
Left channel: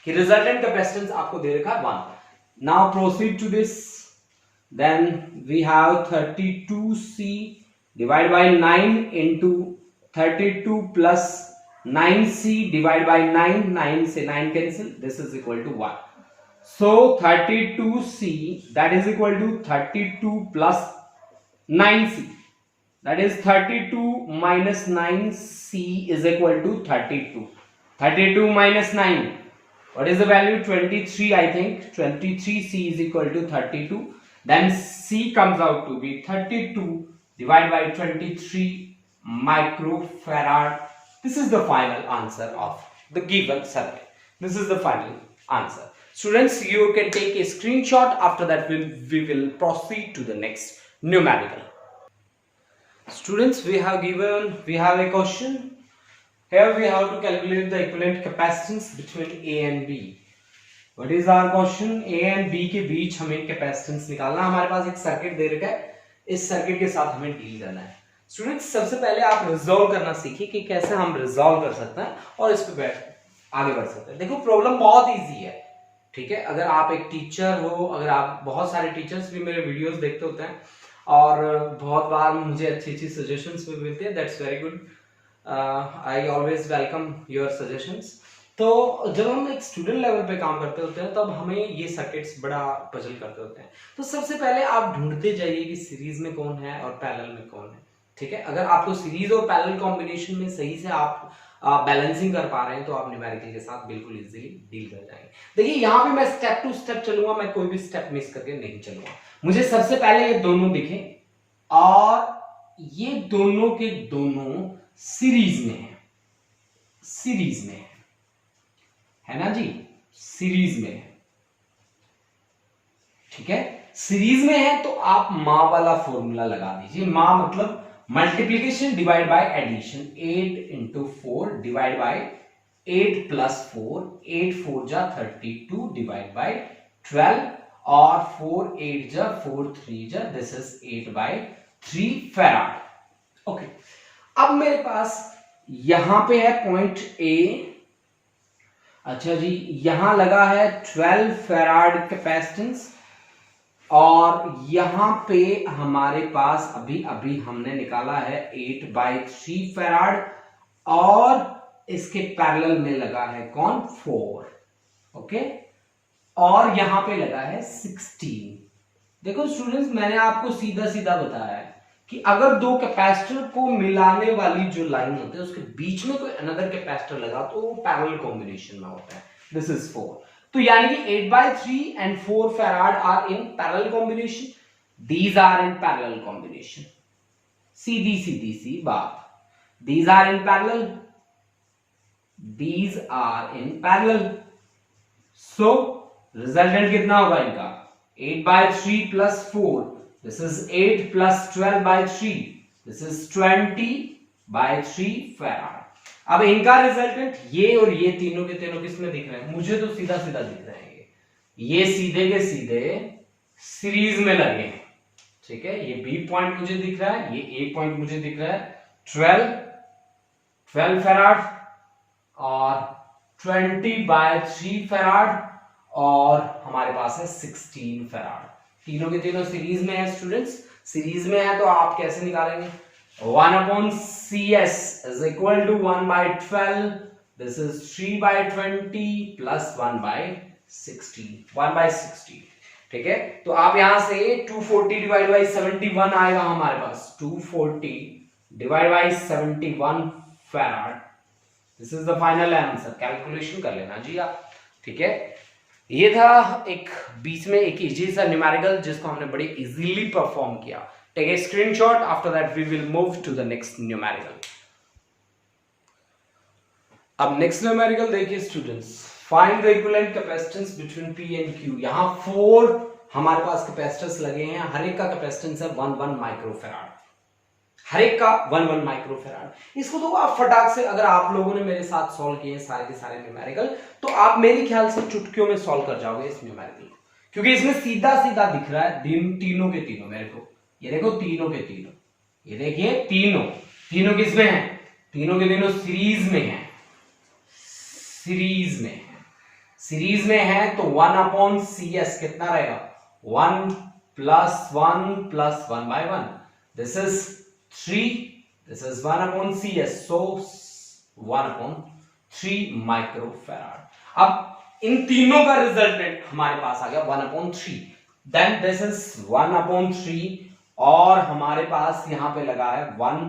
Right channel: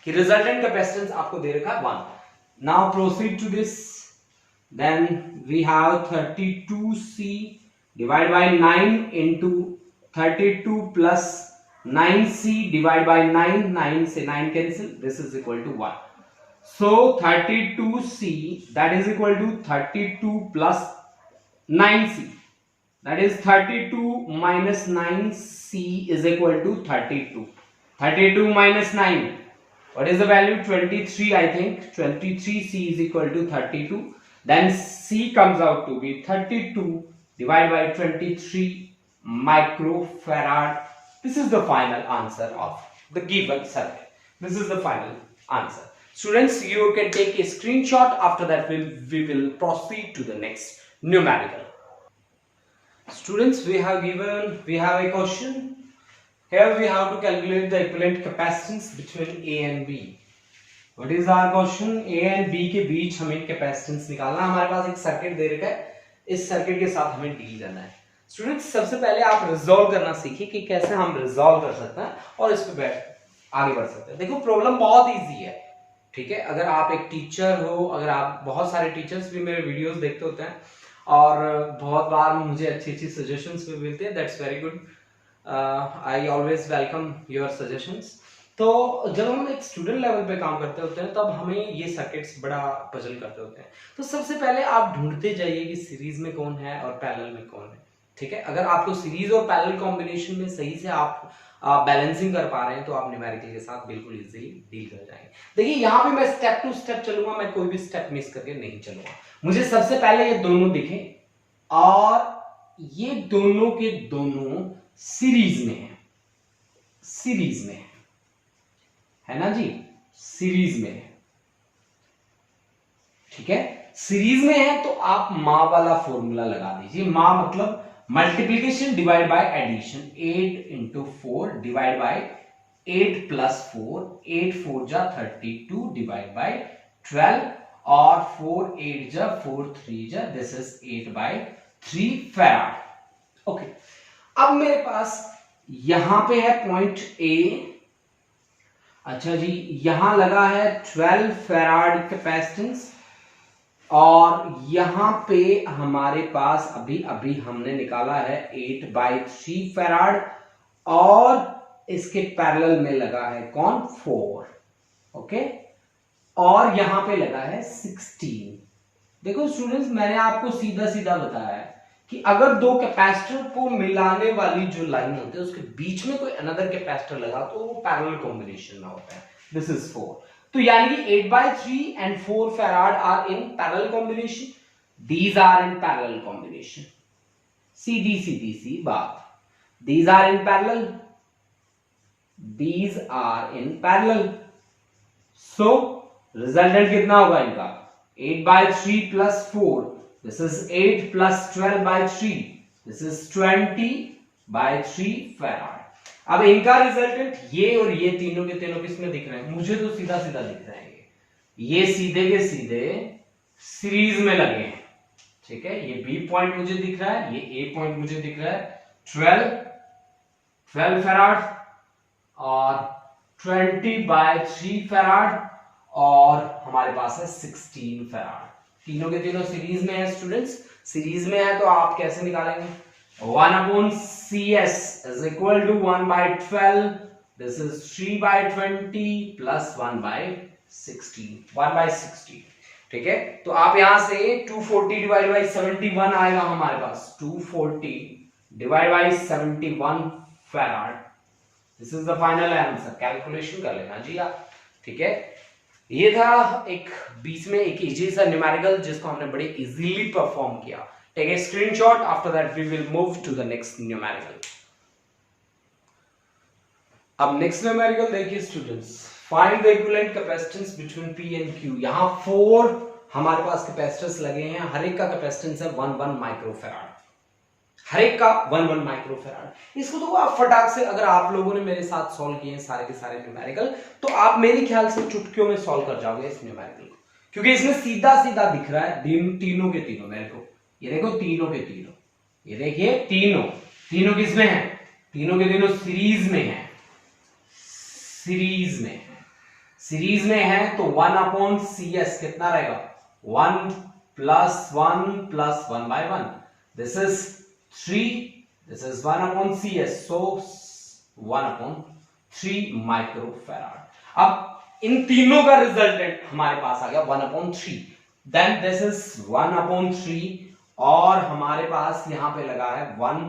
कि रिजल्टेंट कैपेसिटेंस आपको दे रखा है 1. Now proceed to this. Then we have 32C divided by 9 into 32 plus 9C divided by 9. 9 से 9 cancel. This is equal to 1. So 32C, that is equal to 32 plus 9C. That is 32 minus 9C is equal to 32. 32 minus 9. What is the value? 23, I think. 23 C is equal to 32. Then C comes out to be 32 divided by 23 microfarad. This is the final answer of the given circuit. This is the final answer. Students, you can take a screenshot. After that, we will proceed to the next numerical. Students, we have a question. Here we have to calculate the equivalent capacitance between A and B. What is our question? A and B के बीच हमें कैपेसिटेंस निकालना है. हमारे पास एक सर्किट दे रखा है, इस सर्किट के साथ हमें डील करना है. स्टूडेंट्स, सबसे पहले आप रिजॉल्व करना सीखिए कि कैसे हम रिजॉल्व कर सकते हैं और इस पे आगे बढ़ सकते हैं. देखो, प्रॉब्लम बहुत इजी है. ठीक है, अगर आप एक टीचर हो, अगर आप, बहुत सारे टीचर्स भी मेरे वीडियोस देखते होते हैं और बहुत बार मुझे अच्छी सजेशंस भी मिलती है. That's very good. I always welcome your suggestions. तो जब हम एक स्टूडेंट लेवल पे काम करते होते हैं तब हमें ये सर्किट्स बड़ा पजल करते होते हैं. तो सबसे पहले आप ढूंढते जाइए कि सीरीज में कौन है और पैरेलल में कौन है. ठीक है, अगर आपको सीरीज और पैरेलल कॉम्बिनेशन में सही से आप बैलेंसिंग कर पा रहे हैं तो आप न्यूमेरिकल के साथ बिल्कुल इजीली डील कर जाएंगे. देखिए, यहाँ पे मैं स्टेप टू स्टेप चलूंगा, मैं कोई भी स्टेप मिस करके नहीं चलूंगा. मुझे सबसे पहले ये दोनों दिखें और ये दोनों के दोनों सीरीज में है. सीरीज में है ना जी, सीरीज में है. ठीक है, सीरीज में है तो आप माँ वाला फॉर्मूला लगा दीजिए. माँ मतलब multiplication divide by addition. 8 into 4 divide by 8 plus 4. 8 4 जा 32 डिवाइड बाय 12 और 4 8 जा 4 3 जा, दिस इज 8/3 फैराड. ओके, अब मेरे पास यहां पे है पॉइंट ए. अच्छा जी, यहां लगा है 12 फैराड कैपेसिटेंस और यहां पे हमारे पास अभी अभी हमने निकाला है 8/3 फैराड और इसके पैरेलल में लगा है कौन? 4. ओके, और यहां पे लगा है 16. देखो स्टूडेंट्स, मैंने आपको सीधा सीधा बताया है कि अगर दो कैपेसिटर को मिलाने वाली जो लाइन होती है उसके बीच में कोई अनदर कैपेसिटर लगा तो वो पैरेलल कॉम्बिनेशन में होता है. This is 4. तो यानी कि 8/3 and 4 farad are in parallel combination. These are in parallel combination. सीधी सीधी सी बात. These are in parallel. These are in parallel. So resultant कितना होगा इनका? 8/3 plus 4. This is 8 plus 12/3. This is 20/3 farad. अब इनका रिजल्टेंट ये और ये तीनों के तीनों किसमें दिख रहे हैं? मुझे तो सीधा सीधा दिख रहे हैं. ये सीधे के सीधे सीरीज में लगे हैं. ठीक है, ये बी पॉइंट मुझे दिख रहा है, ये ए पॉइंट मुझे दिख रहा है. 12 फैराड और 20/3 फैराड और हमारे पास है 16 फैराड. तीनों के तीनों सीरीज में है. स्टूडेंट्स, सीरीज में है तो आप कैसे निकालेंगे? 1/CS is equal to 1/12. This is 3/20 plus 1/16. 1/16. ठीक है, तो आप यहां से 240 डिवाइड बाई 71 आएगा हमारे पास. 240 divide by 71 farad. This is the final answer. Calculation कर लेना जी आप. ठीक है, ये था एक बीच में एक इजी सा न्यूमेरिकल जिसको हमने बड़े इजीली परफॉर्म किया. Take a screenshot. After that, we will move to the next numerical. अब next numerical देखिए students. Find the equivalent capacitance between P and Q. यहाँ 4 हमारे पास कैपेसिटर्स लगे हैं. हर एक का कैपेसिटेंस है 1 माइक्रोफैराड. हर एक का 1 माइक्रोफैराड. इसको तो आप फटाक से, अगर आप लोगों ने मेरे साथ सॉल्व किए सारे के सारे न्यूमेरिकल, तो आप मेरे ख्याल से चुटकियों में सॉल्व कर जाओगे इस न्यूमेरिकल को, क्योंकि इसमें सीधा सीधा दिख रहा है तीनों के तीनों. मेरे को ये देखो, तीनों के तीनों, ये देखिए तीनों किसमें हैं? तीनों के तीनों सीरीज में हैं. सीरीज में है. सीरीज में है तो 1/CS कितना रहेगा? 1 + 1 + 1/1. This is 3. This is 1/CS. So 1/3 microfarad. अब इन तीनों का रिजल्टेंट हमारे पास आ गया 1/3. देन दिस इज 1/3 और हमारे पास यहां पे लगा है 1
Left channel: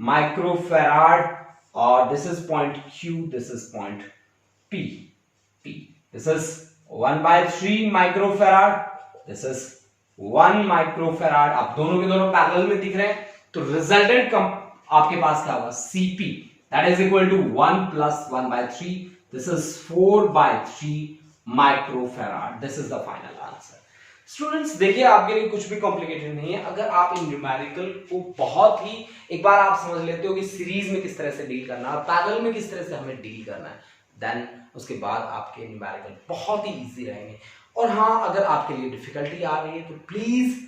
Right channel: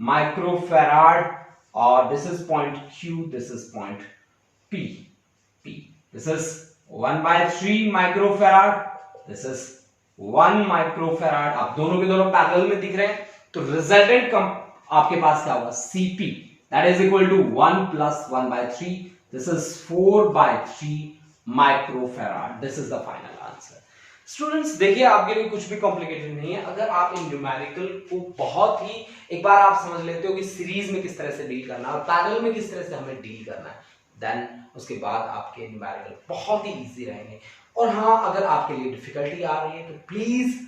माइक्रोफैराड और this is point Q, this is point P. This is 1/3 microfarad, this is 1 microfarad. अब दोनों के दोनों पैरेलल में दिख रहे हैं, तो रिजल्टेंट आपके पास क्या होगा, Cp that is equal to 1 plus 1/3, this is 4/3 microfarad. This is the final answer. Students देखिए, आपके लिए कुछ भी कॉम्प्लिकेटेड नहीं है। अगर आप इन न्यूमेरिकल को बहुत ही एक बार आप समझ लेते हो कि सीरीज में किस तरह से डील करना है और पैरेलल में किस तरह से हमें डील करना है, देन उसके बाद आपके न्यूमेरिकल बहुत ही इजी रहेंगे। और हाँ, अगर आपके लिए डिफिकल्टी आ रही है तो प्लीज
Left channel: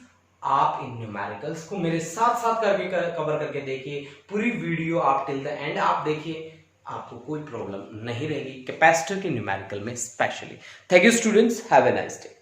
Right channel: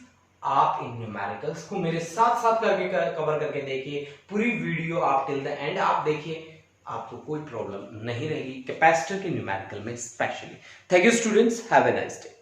आप इन न्यूमेरिकल्स को मेरे साथ साथ करके कवर करके देखिए। पूरी वीडियो आप टिल द एंड आप देखिए, आपको कोई प्रॉब्लम नहीं रहेगी कैपेसिटर के न्यूमेरिकल में specially. Thank you students, have a nice day.